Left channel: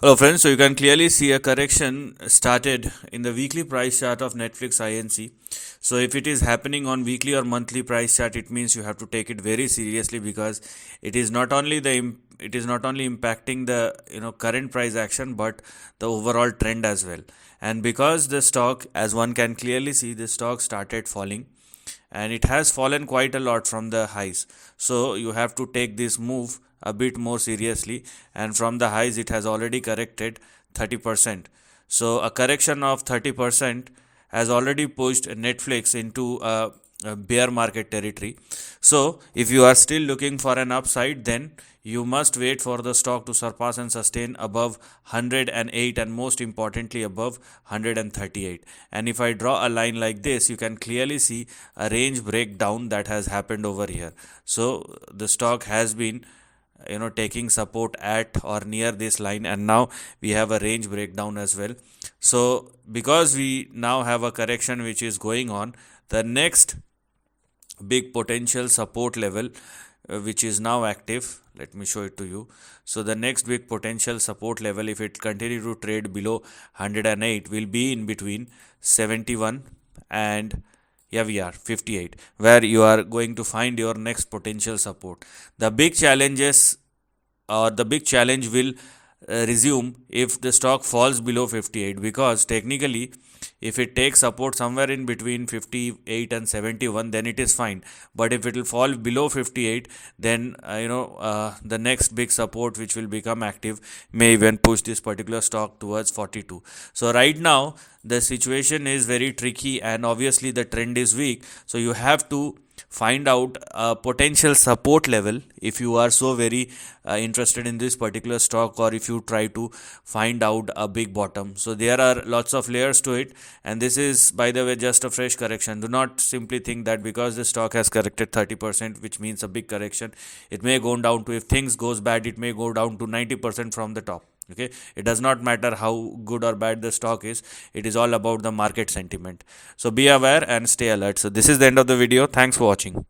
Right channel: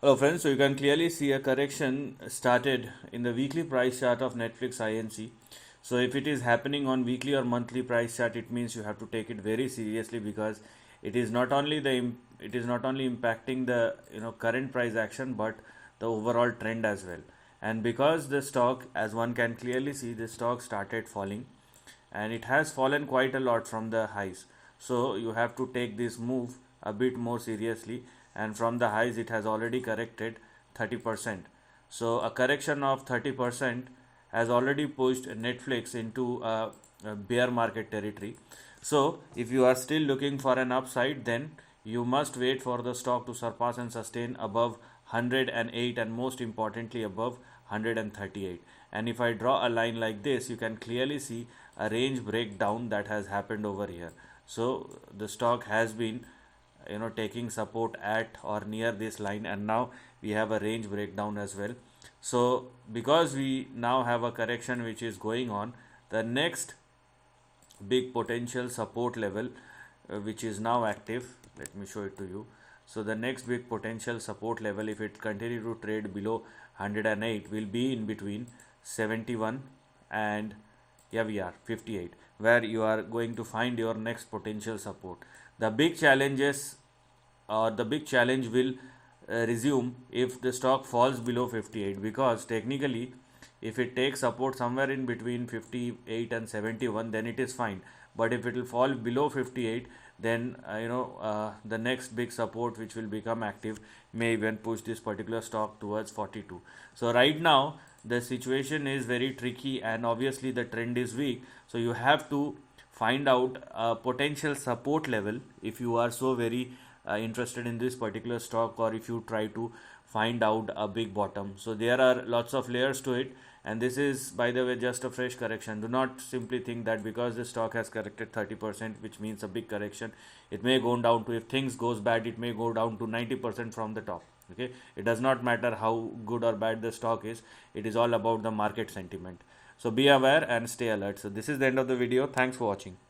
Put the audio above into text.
Hello friends, so you can clearly see a correction started in the weekly price chart of Netflix Inc. So if it is happening on weekly or monthly price chart, it means you have to take it very seriously, because it is not only impacting the current price action, but the overall trend as well. And because the stock, as one can clearly see, the stock started falling, and it has fallen quite a lot from the highs. So you have to take this move a bit more seriously, and from the highs it has already corrected 30%. So a correction of 30% has already pushed Netflix into a bear market territory. So if you are still looking for an upside, then you must wait for the stock to surpass and sustain above 108, and most importantly above 138. And if I draw a line like this, you can clearly see a range breakdown that has happened over here. So the stock has been taking support at or near this line, and now we have a range breakdown as well. So because we now have a correction which is going on, the next big potential support level, which is now active, let me show it to you. So the next big potential support level, if it continue to trade below 108, will be in between 71 and, yeah, we are 58, where you are going to find your next potential support. The big challenges, or the big challenge will resume if the stock falls below 58, because technically if it takes support somewhere in between 58 and 71, then it is fine. But if it will fall below 58, then the next big support which will become active may even push this particular stock towards 42. So right now the situation is very tricky, and obviously the trend is weak, so you have to find out a potential support level if you are so very interested in this particular stock, or if you try to find out a big bottom. So there are lots of layers to it, and this is, by the way, just a fresh correction. Do not simply think that because the stock has corrected 30%, which means a big correction, it may go down to, if things goes bad, it may go down to 90% from the top. Okay, it does not matter how good or bad the stock is, it is all about the market sentiment. So be aware and stay alert. So this is the end of the video. Thanks for watching.